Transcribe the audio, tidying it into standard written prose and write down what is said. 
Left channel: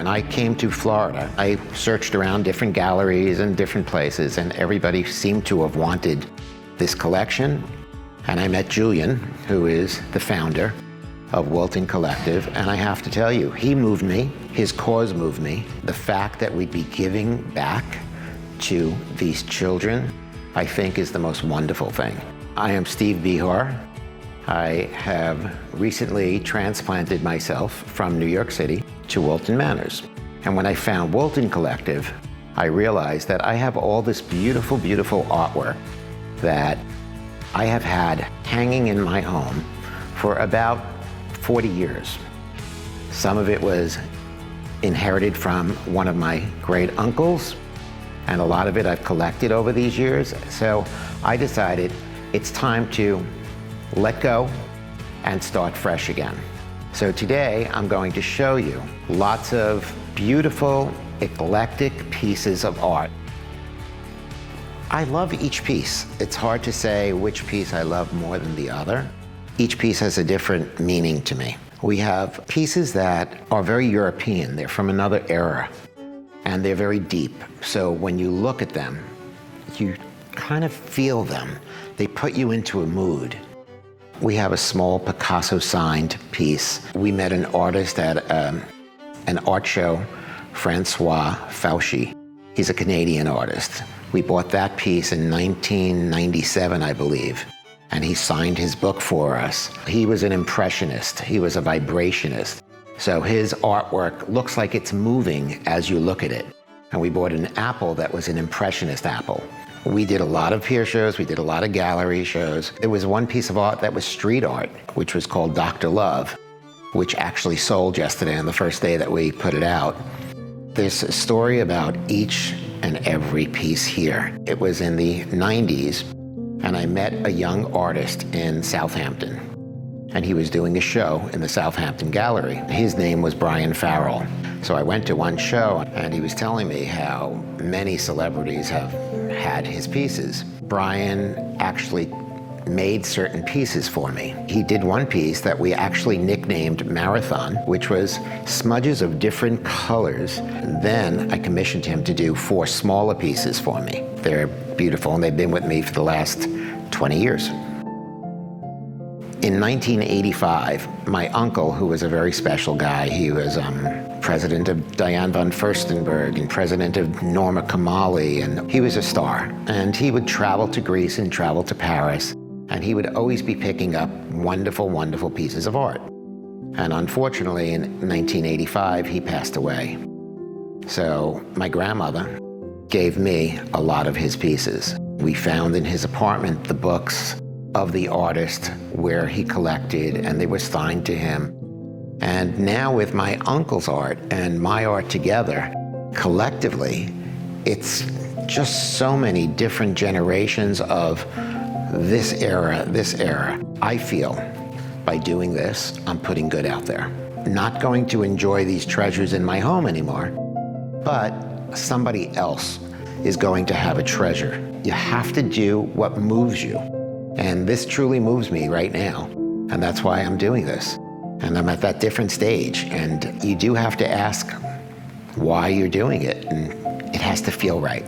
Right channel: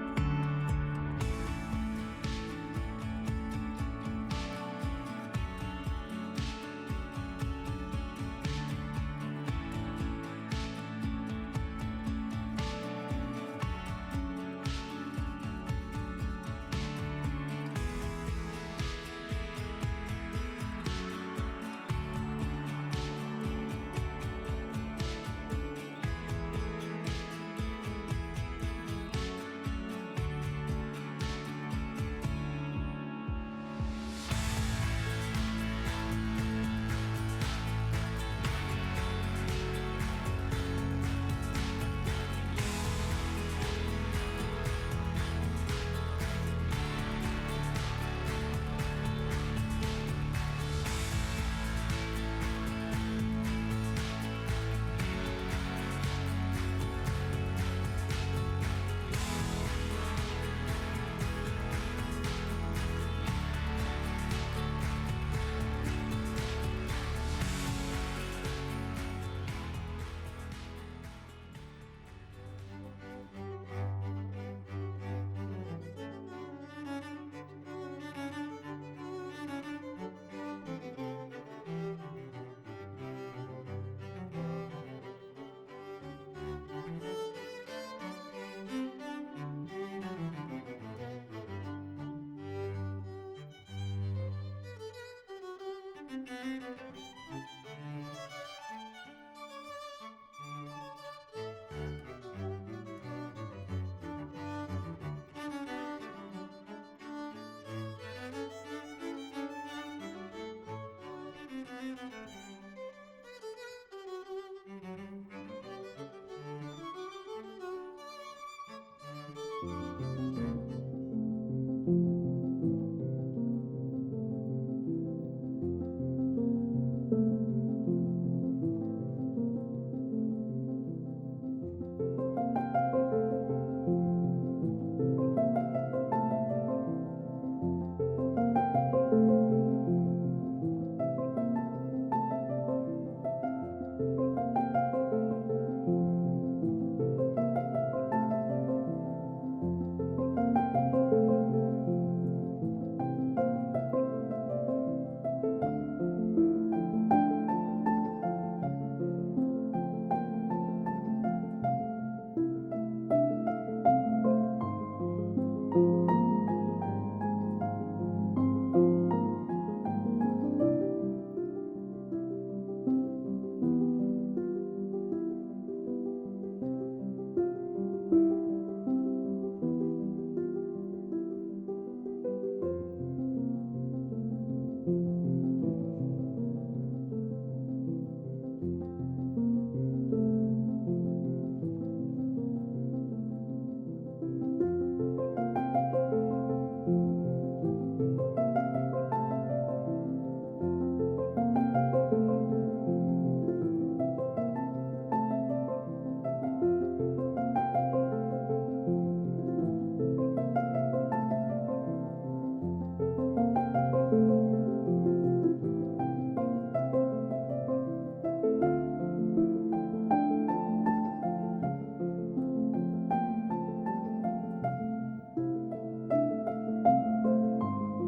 When I came to Florida, I searched around different galleries and different places, and everybody seemed to have wanted this collection. And I met Julian, who is the founder of Wilton Collective, and I have to tell you, he moved me, his cause moved me. The fact that we'd be giving back to these children, I think is the most wonderful thing. I am Steve Bihar. I have recently transplanted myself from New York City to Wilton Manors. And when I found Wilton Collective, I realized that I have all this beautiful, beautiful artwork that I have had hanging in my home for about 40 years. Some of it was inherited from one of my great uncles, and a lot of it I've collected over these years. So I decided it's time to let go and start fresh again. So today I'm going to show you lots of beautiful, eclectic pieces of art. I love each piece. It's hard to say which piece I love more than the other. Each piece has a different meaning to me. We have pieces that are very European. They're from another era, and they're very deep. So when you look at them, you kind of feel them. They put you into a mood. We have a small Picasso signed piece. We met an artist at an art show, Francois Fauchy. He's a Canadian artist. We bought that piece in 1997, I believe, and he signed his book for us. He was an impressionist. He was a vibrationist. So his artwork looks like it's moving as you look at it. And we bought an apple that was an impressionist apple. We did a lot of peer shows, we did a lot of gallery shows. There was one piece of art that was street art, which was called Dr. Love, which actually sold yesterday on the first day that we put it out. There's a story about each and every piece here. It was in the 90s, and I met a young artist in Southampton, and he was doing a show in the Southampton Gallery. His name was Brian Farrell. So I went to one show, and he was telling me how many celebrities have had his pieces. Brian actually made certain pieces for me. He did one piece that we actually nicknamed Marathon, which was smudges of different colors. And then I commissioned him to do 4 smaller pieces for me. They're beautiful, and they've been with me for the last 20 years. In 1985, my uncle, who was a very special guy, he was president of Diane von Furstenberg and president of Norma Kamali, and he was a star. And he would travel to Greece and travel to Paris, and he would always be picking up wonderful, wonderful pieces of art. And unfortunately, in 1985, he passed away. So my grandmother gave me a lot of his pieces. We found in his apartment the books of the artist where he collected, and they were signed to him. And now with my uncle's art and my art together, collectively, it's just so many different generations of this era, this era. I feel by doing this, I'm putting good out there. Not going to enjoy these treasures in my home anymore, but somebody else is going to have a treasure. You have to do what moves you. And this truly moves me right now. And that's why I'm doing this. And I'm at that different stage. And you do have to ask why you're doing it. And it has to feel right.